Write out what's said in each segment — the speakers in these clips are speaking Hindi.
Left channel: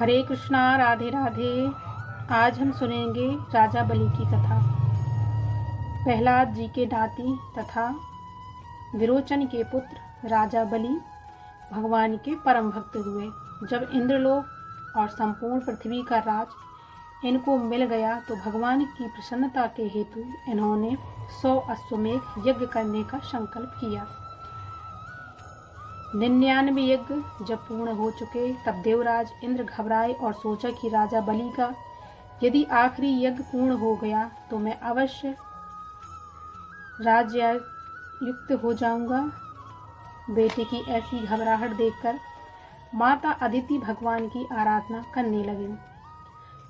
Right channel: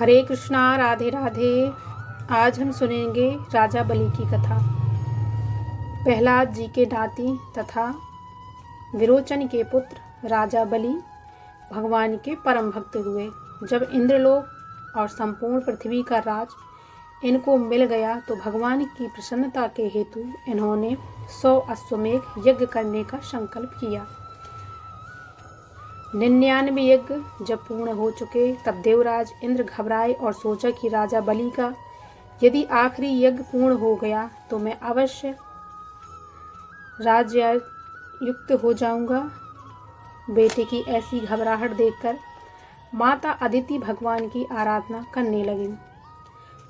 हरे कृष्णा, राधे राधे। आज हम सुनेंगे राजा बलि की कथा। प्रहलाद जी के नाती तथा विरोचन के पुत्र राजा बलि भगवान के परम भक्त हुए। जब इंद्रलोक और संपूर्ण पृथ्वी का राज इनको मिल गया तो भगवान की प्रसन्नता के हेतु इन्होंने 100 अश्वमेध यज्ञ करने का संकल्प किया। 99 यज्ञ जब पूर्ण हो चुके तब देवराज इंद्र घबराए और सोचा कि राजा बलि का यदि आखिरी यज्ञ पूर्ण हो गया तो मैं अवश्य राज्यायुक्त हो जाऊंगा। बेटे की ऐसी घबराहट देखकर माता अदिति भगवान की आराधना करने लगी।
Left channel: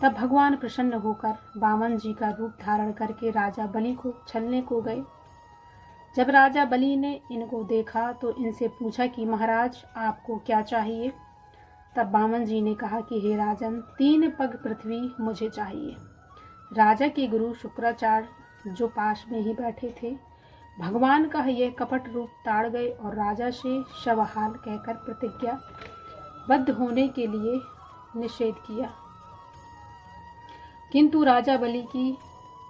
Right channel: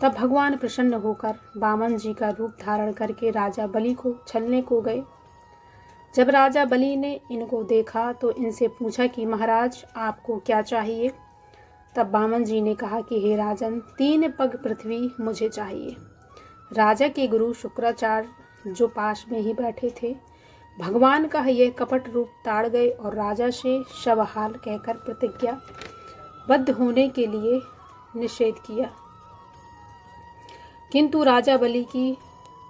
तब भगवान प्रसन्न होकर वामन जी का रूप धारण करके राजा बलि को छलने को गए। जब राजा बलि ने इनको देखा तो इनसे पूछा कि महाराज आपको क्या चाहिए। तब वामन जी ने कहा कि हे राजन, 3 पग पृथ्वी मुझे चाहिए। राजा के गुरु शुक्राचार्य जो पास में ही बैठे थे भगवान का यह कपट रूप ताड़ गए और राजा से शवहाल कहकर प्रतिज्ञा बद्ध होने के लिए निषेध किया। किंतु राजा बलि की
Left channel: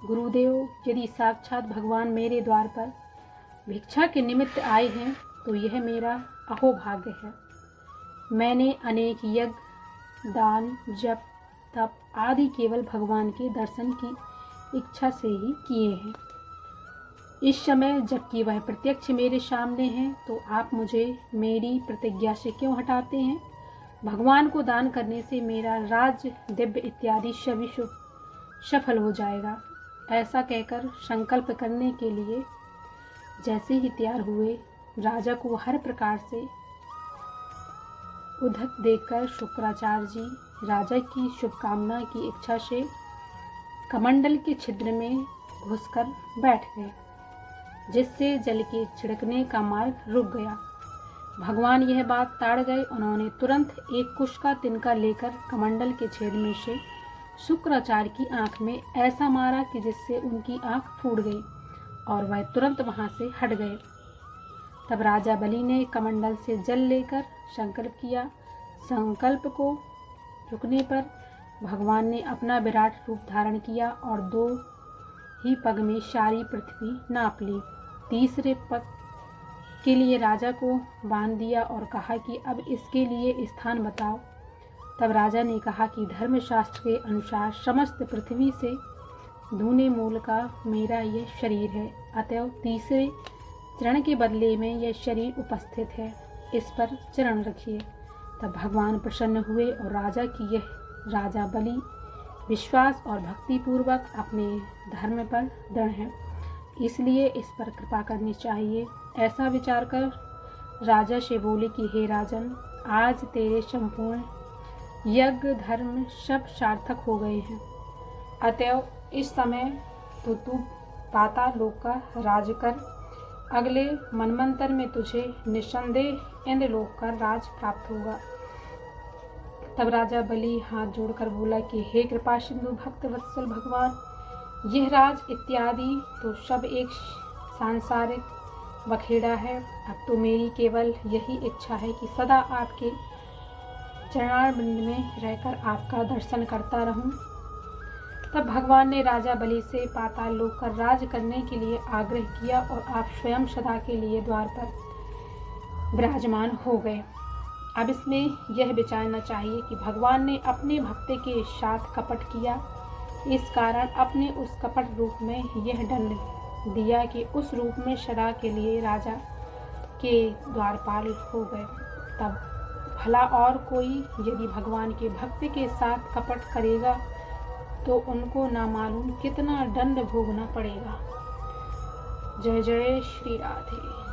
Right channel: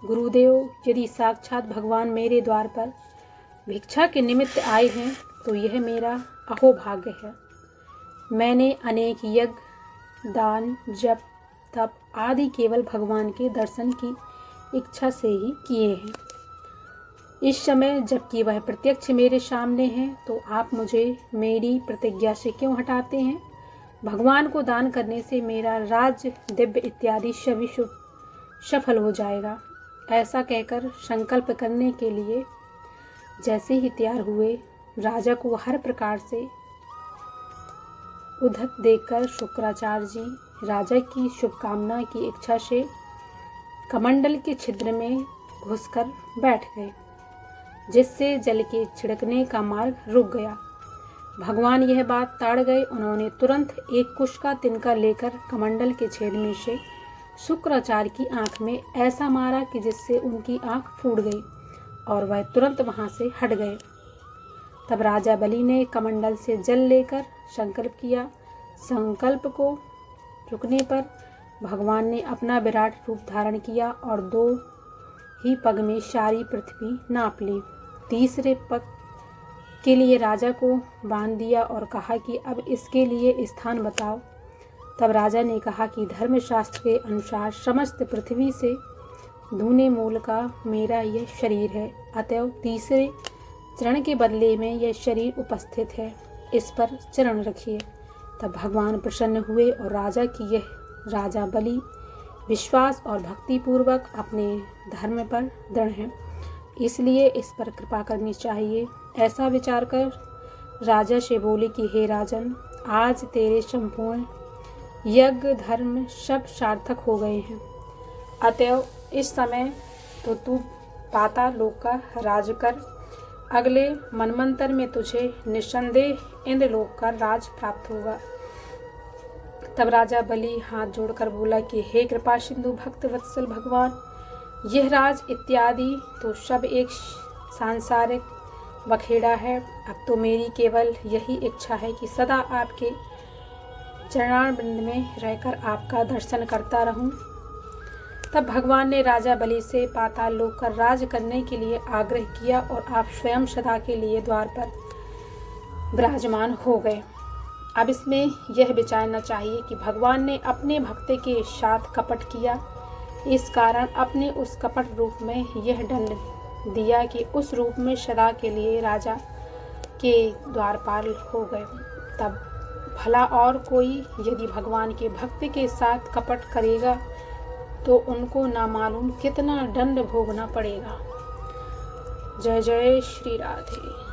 गुरुदेव, यदि साक्षात भगवान मेरे द्वार पर भिक्षा के निमित्त आए हैं तो यह मेरा अहोभाग्य है। मैंने अनेक यज्ञ, दान, जप, तप आदि केवल भगवान के दर्शन की इच्छा से ही किए हैं। इस समय जबकि वह प्रत्यक्ष मेरे सामने हैं तो आप मुझे मेरी प्रतिज्ञा से क्यों हटाते हैं। भगवान को दान करने से मेरा राज्य, दिव्य इत्यादि सभी शुभ सफल हो जाएगा। ऐसा कहकर संकल्प करने के लिए जैसे ही तैयार हुए, राजा को हर प्रकार से उद्धत देखकर शुक्राचार्य जी राजा की शुभकामना की इच्छा से कमंडल के छिद्र में घुसकर बैठ गए, जिससे जल के छिड़कने का मार्ग रुक गया। भगवान यह बात ताड़ गए। उन्होंने तुरंत एक कुश का तिनका लेकर कमंडल के छेद में से शुक्राचार्य की आंख में ऐसा मारा कि जिससे उनकी आंख फूट गई और वह तुरंत वहां से हट गए। तब राजा बलि ने कमंडल से जल लेकर संकल्प किया। संकल्प को रुकने पर भगवान ने अपना विराट रूप धारण किया और 2 ही पग में सारी पृथ्वी नाप ली। तीसरे पग के लिए राजा को बांध दिया और कहा कि अब इसके लिए स्थान बताओ। तब राजा ने कहा कि धर्मशास्त्र के अनुसार समस्त पृथ्वी से दूने मूल का मेरा यह शरीर है, अतएव तीसरे चरण के बदले में यह शरीर उपस्थित है, इस पर चरण रखिए। तब भगवान प्रसन्न हुए और राजा की यह राजा बलि विश्वास और भक्ति पूर्वक अपने धर्म पर दृढ़ है, इसलिए इस पर कृपा करनी चाहिए। ऐसा विचार कर राजा से बोले कि हे राजन, आज तेरे संपूर्ण यज्ञ धर्म सब सार्थक हो गए हैं, अतएव इस समय तो तू पाताल लोक का राज कर। अगले मनमंतर में तुझे निस्संदेह इंद्रलोक का राज प्राप्त होगा। तब राजा बलि हाथ जोड़कर बोला कि हे कृपा सिंधु भक्त वत्सल भगवान, यह राज इत्यादि तो सब एक सांसारिक बखेड़ा है। अब तो मेरी केवल यही इच्छा है कि सदा आपके चरणारविंद में रहकर आपका दर्शन करता रहूं। तब भगवान ने राजा बलि से पाताल लोक का राज करने के लिए आग्रह किया और आप स्वयं सदा के लिए द्वार पर विराजमान हो गए। अब इसमें यह विचारना चाहिए कि भगवान ने अपने भक्त के साथ कपट किया, इस कारण अपने उस कपट रूप में यह दंड दिया कि उस रूप में सदा के लिए राजा के द्वारपाल हो गए। तब भला और कोई यदि भगवान के भक्त के साथ कपट करेगा तो उनको ना मालूम कितना दंड भोगना पड़ेगा। जय जय श्री राधे।